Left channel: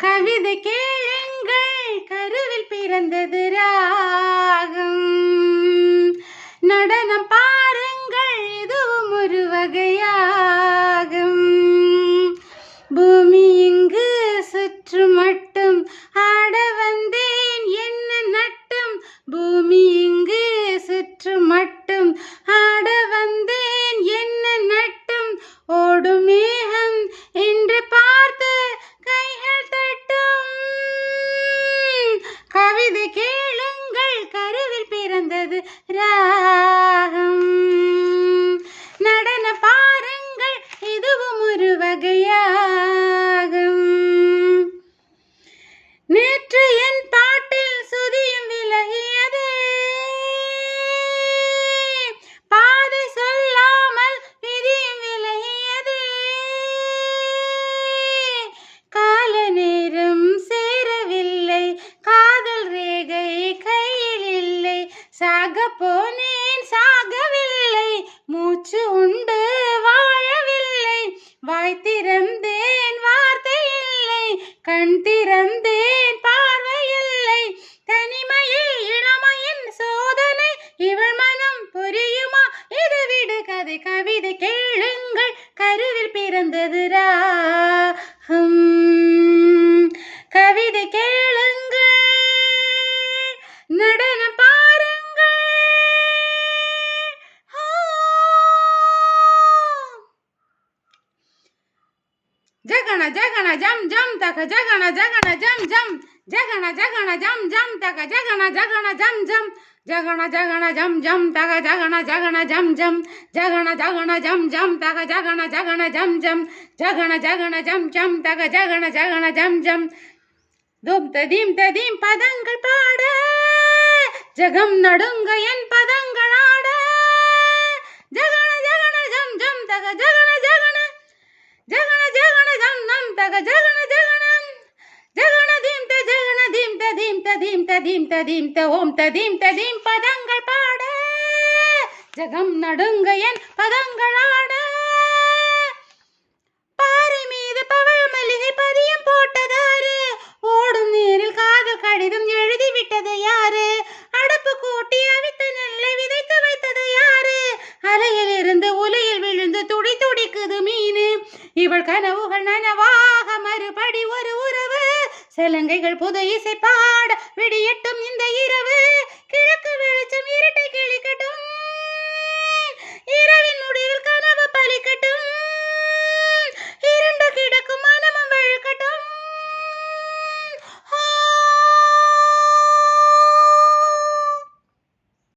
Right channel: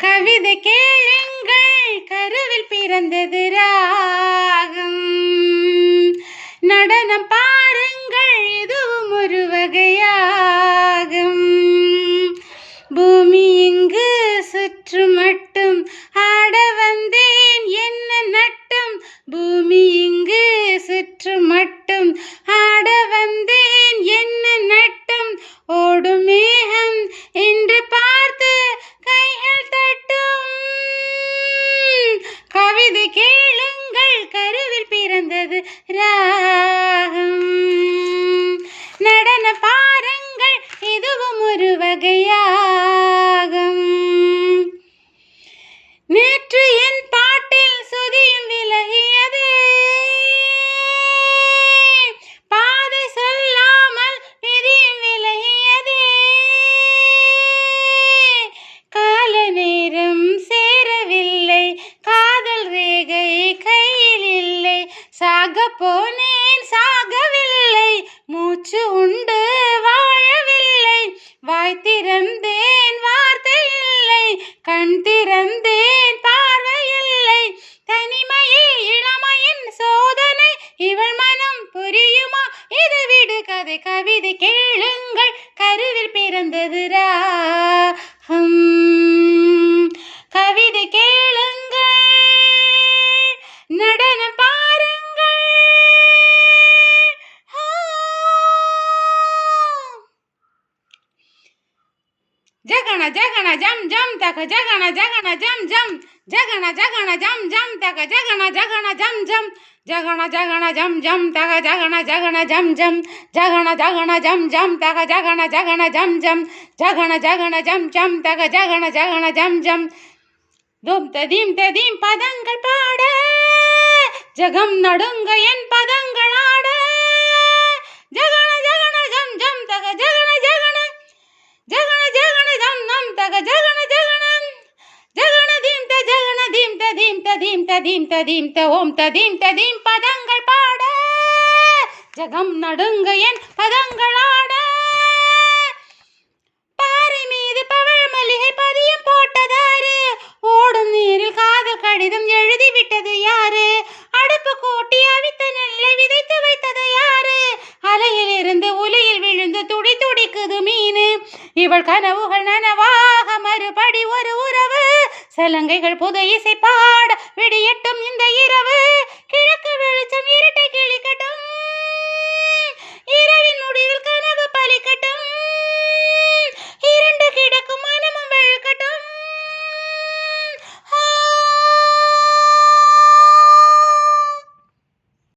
கவிதை கேளுங்கள், கருவில் பிறந்தது ராகம். நடனம் பாருங்கள், இதுவும் ஒரு வகையாகும். பூமி இங்கு சுற்று மட்டும் ஆட வந்தேன் என்ன நட்டும். பூமி இங்கு சுற்று மட்டும் ஆட வந்தேன் என்ன நட்டும். ஓடும் மேகம் என்று பார்த்து கைகள் தட்டும். கவிதை கேளுங்கள், கருவில் பிறந்தது ராகம். நடன பாருங்கள், இதுவும் ஒரு வகையாகும். நேற்று என் பாட்டில் சுதியும் விலகியதே, பாதை சொல்லாமல் விதியும் விலகியதே. கால நேரம் சேரவில்லை, காதல் ரேகை கையில் இல்லை. சாக போனேன் சாகவில்லை, மூச்சு உண்டு வாழவில்லை. வாய் திறந்தேன் வார்த்தை இல்லை, கண் திறந்தேன் பார்வை இல்லை. தனிமையே இளமையின் சோதனை, இவள் மனம் புரியுமா இது விடு கதை. கவிதை கேளுங்கள், கருவில் பிறந்தது ராகம். கவிதை கேளுங்கள், நடனம் பாருங்கள். ஜகன ஜகன ஜம் ஜம் தக ஜகன ஜகன ஜம் ஜம். ஜகன ஜகன ஜம் ஜம் தக ஜகன ஜகன ஜம் ஜம். ஜகன ஜகன ஜம் ஜம் தக ஜகன ஜகன ஜம் ஜம். ஜகன ஜகன ஜம் ஜம் தக ஜகன ஜகன ஜம் ஜம். ஜகன ஜகன ஜம் ஜம் தக ஜகன ஜகன ஜம் ஜம். தும் ததீம் ததீம் பதங்கள் பாட, ஜகம் நடுங்க என் பதங்கள் ஆட. ஜகன ஜகன ஜம் ஜம் தக ஜகன ஜகன. ஜகன ஜகன ஜம் நம் தக ஜகன ஜகனம். ஜகன தீம் த ஜகன தீம் த தீம் த தீம் த தீம் த தீம் த ஓம் த தீம் த தீம் பதங்கள் பாட, ஜகம் நடுங்க என் பதங்கள் ஆட. பாறை மீது பவழ மல்லிகை பதியம் போட்டதாரு, ஓடும் நீரில் காதல் கடிதம் எழுதி விட்டது யாரு. அடுப்பு கூட்டி அவித்த நெல்லை விதைத்து வைத்தது யாரு. அலையில் இருந்து உலையில் விழுந்து துடி துடிக்குது மீனு. இவள் கனவுகள் நனவாக மறுபடி ஒரு உறவு. சலங்கைகள் புது இசை பாட விடியட்டும் இந்த இரவு. கிழக்கு வெளிச்சம் இருட்டை கிழிக்கட்டும், இரவின் முடிவில் கனவு பலிக்கட்டும்.